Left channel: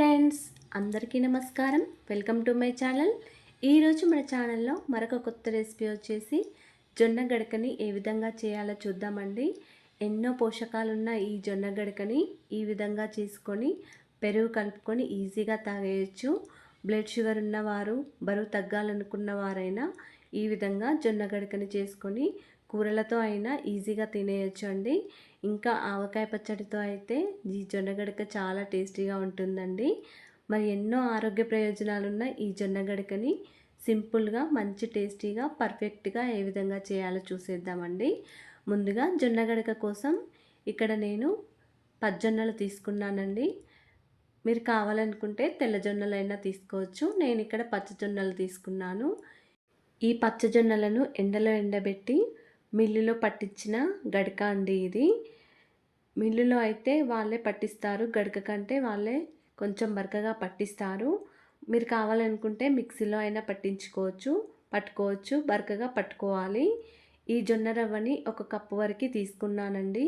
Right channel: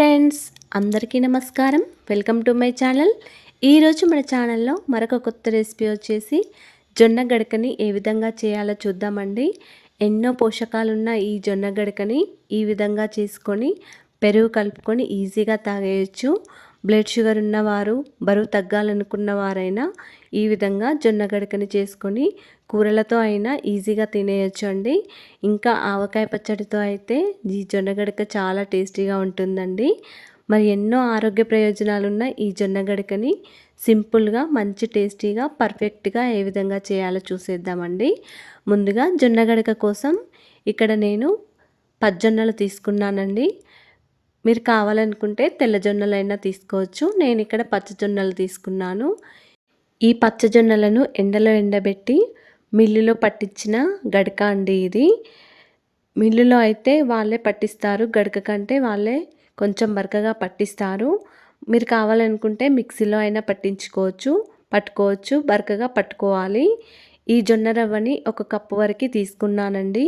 Friends, అందరికీ నమస్కారం. Welcome to my channel. ఈరోజు మన ఛానల్లో మరొక కొత్త రెసిపీ వచ్చేసి జొన్న గడకని ఏ విధంగా చేయాలో చూద్దామండి. ఎన్నో పోషకాలున్న ఈ జొన్న గడకని ఈ విధంగా చేసుకొని పెరుగు కలుపుకొని ఈజీగా తాగేయచ్చు. బ్లడ్ షుగర్ ఉన్నవారు, బరువు తగ్గాలనుకున్న వారైనా ఈ విధంగా జొన్న గడకని చేసుకొని కూరలతో అయినా ఈజీగా తినేయచ్చు అండి. ఇంకా ఆవకాయ పచ్చడితో అయితే ఈ జొన్న గడక చాలా టేస్టీగా ఉంటుందండి. మరి ఎన్నో ఆరోగ్య ప్రయోజనాలున్న ఈ జొన్న గడకని సింపుల్గా, మంచి టేస్టీగా, పర్ఫెక్ట్గా ఏ విధంగా చేయాలో చూసేద్దామండి. ముందుగా జొన్న గడక కోసం ఇక్కడ నేను పచ్చజొన్నలు తీసుకున్నానండి. మీరు కావాలనుకుంటే తెల్ల జొన్నలైనా తీసుకోవచ్చు. నేను ఇక్కడ పచ్చజొన్నలు తీసుకున్నాను. ఈ పచ్చజొన్నలను ఎండలో ఎండబెట్టి మిల్లులో పట్టించిన గడక అండి ఇది. మిల్లులో అయితే వాళ్ళే పట్టిస్తారు, గడక కంటే వాళ్ళే కొంచెం బరకగా పట్టిస్తారు. మీరు కావాలనుకుంటే మిక్సీలో అయినా పట్టుకోవచ్చు, బరకగా పట్టుకోవాలి. ఈ జొన్న రవ్వని 1 కప్పు వరకు తీసుకున్నానండి.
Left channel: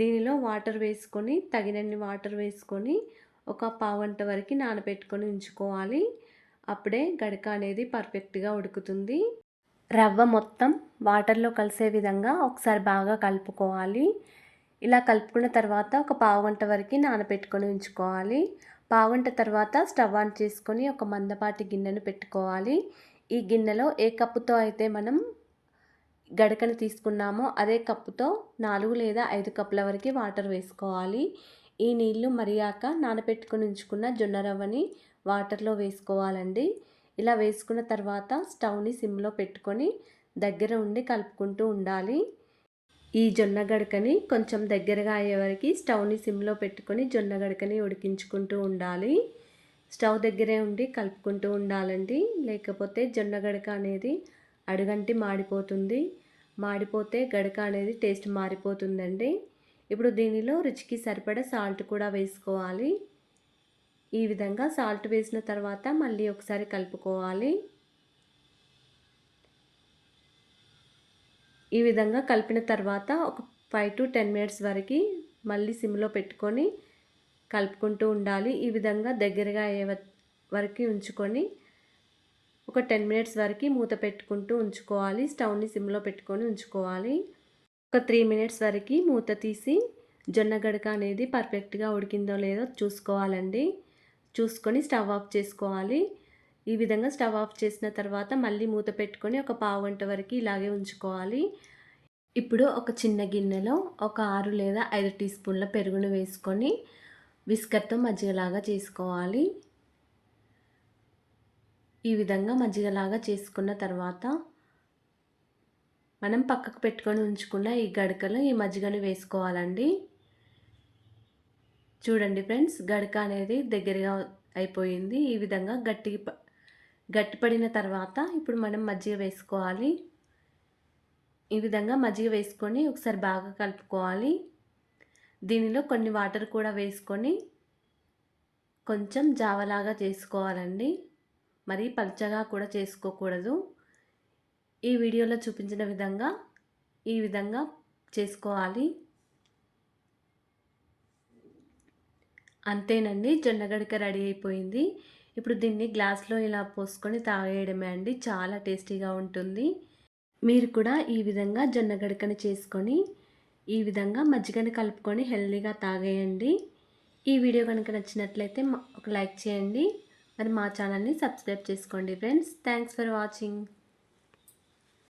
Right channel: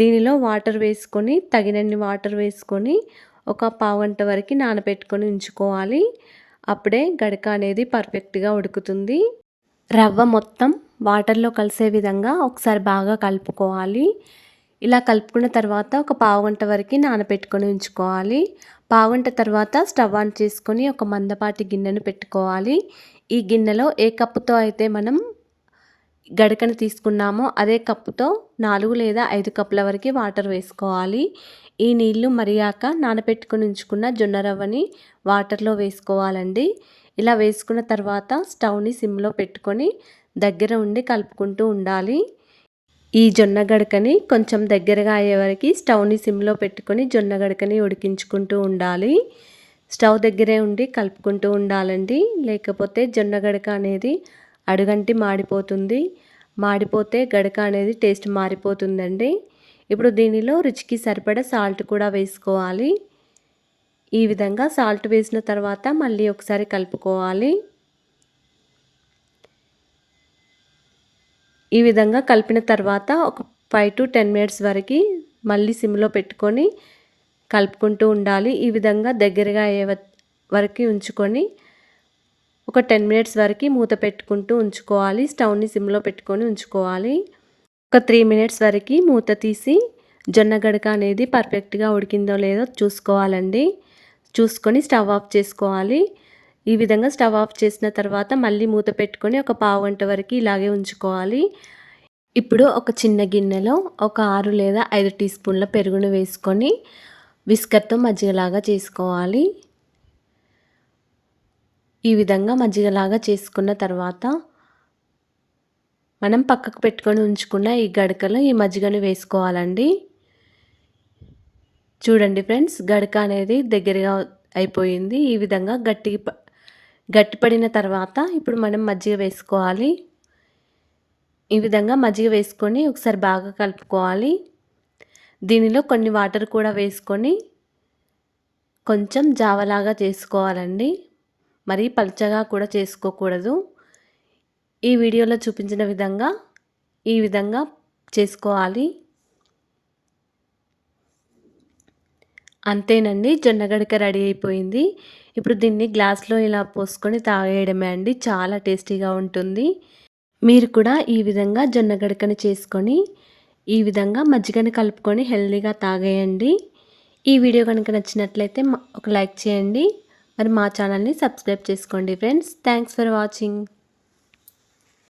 దీనిలో వాటర్ వేసుకొని, తగినన్ని వాటర్ వేసుకొని ఒక పావుగంట వరకు నానబెట్టుకొని ఉంచుకోవాలి. అప్పుడే గడక అనేది పర్ఫెక్ట్గా ఉడుకుతుంది. రవ్వ మొత్తం వాటర్లో కలిసే విధంగా ఒకసారి బాగా కలుపుకోవాలి. ఇలా కలుపుకున్న తర్వాత ఒక పావుగంట వరకు నానబెట్టుకొని ఉంచుకోవాలి. పావుగంట తర్వాత స్టవ్ ఆన్ చేసుకొని ఒక మందపాటి గిన్నెను పెట్టుకోవాలి. ఈ గిన్నెలో ఏ కప్పుతో అయితే మనం గడకను తీసుకున్నామో అదే కప్పుతో 4 లేదా 5 కప్పుల వరకు వాటర్ వేసుకోవాలి. ఈ నీళ్లు మరిగాక నానబెట్టుకొని ఉంచుకున్న జొన్న రవ్వని వాటర్లో వేసుకోవాలండి. ఇలా వేసుకున్న తర్వాత స్టవ్ని సిమ్లో పెట్టుకొని దగ్గర ఉండి కలుపుకుంటూ ఉండాలి. ఈ జొన్న గడకని కొంచెం దగ్గరగా అయ్యే వరకు స్టవ్ని సిమ్లో పెట్టుకొని జొన్న గడకని ఉడికించుకుంటూ ఉండాలి. స్టవ్ దగ్గరే ఉండి కలుపుకుంటూ ఉండాలండి. లేకపోతే జొన్న గడక అనేది అడుగంటి మాడిపోతుంది. మాడిపోతే గడక అనేది టేస్ట్ మారిపోతుందండి. ఇప్పుడు దీనిలో రుచికి సరిపడా సాల్ట్ కూడా వేసుకోవాలి. ఈ విధంగా సాల్ట్ వేసిన తర్వాత మళ్ళీ ఒకసారి కలుపుకోవాలి. ఈ విధంగా కలిపిన తర్వాత ఒక 5 to 10 మినిట్స్ వరకు మళ్ళీ సిమ్లో పెట్టుకొని కలుపుకుంటూ ఉండాలి. ఈ విధంగా దగ్గరగా అయ్యే వరకు ఉంచుకొని ఒక 10 మినిట్స్ వరకు మూత పెట్టుకుంటూ ఉంచుకోవాలి. స్టవ్ని సిమ్లో పెట్టుకొని ఉంచుకోవాలి. ఒక 3 మినిట్స్ వరకు మూత తీసి జొన్న గడక అనేది పర్ఫెక్ట్గా ఉడికిందో లేదో చూసుకోవాలండి. చూసుకొని స్టవ్ ఆఫ్ చేసుకోవాలి. ఈ విధంగా స్టవ్ ఆఫ్ చేసిన తర్వాత మళ్ళీ మూత పెట్టుకొని ఒక పావుగంట వరకు ఇలాగే ఉంచుకోవాలి. ఇప్పుడు ఒక చిన్న గిన్నెలో ఒక 6 లేదా 5 టీ స్పూన్ల పెరుగును వేసుకొని విస్కర్తో మజ్జిగలాగా చేసుకోవాలి. ఈ విధంగా మజ్జిగలాగా చేసుకున్న తర్వాత మనం పక్కకు పెట్టుకొని ఉంచుకున్న ఈ గడకలో ఈ మజ్జిగను వేసుకోవాలండి. చూడండి ఫ్రెండ్స్, గడక అనేది దగ్గరగా అయిపోయింది. ఈ విధంగా గట్టిపడిన తర్వాత ఇప్పుడు మనం మజ్జిగ వేసుకోవాలి. ఈ విధంగా మజ్జిగ వేసుకొని ఒకసారి బాగా కలుపుకోవాలి. దీనిలో కొన్ని వాటర్ కూడా వేసుకొని కొంచెం జావలాగా చేసుకోవాలండి. మరీ పల్చగా కూడా చేసుకోకూడదు. ఈ వీడియోలో చూపించిన విధంగా ఈ విధంగా చేసుకోవాలి. అంతేనండి, జొన్న గడక రెడీ అయిపోయింది. ఇప్పుడు దీన్ని గ్లాస్లో ఇలా పోసుకొని తాగేయడమే అండి. చాలా టేస్టీగా ఉంటుంది. మీరు కూడా ఈ విధంగా జొన్న గడకని చేసుకొని ఈ విధంగా మజ్జిగని కలుపుకొని హెల్తీగా తాగేయండి. ఈ వీడియో కనుక నచ్చినట్లయితే ఒక లైక్ చేయండి. మరి మా ఛానల్ని సబ్స్క్రైబ్ చేసుకోండి ఫ్రెండ్స్. Thanks for watching.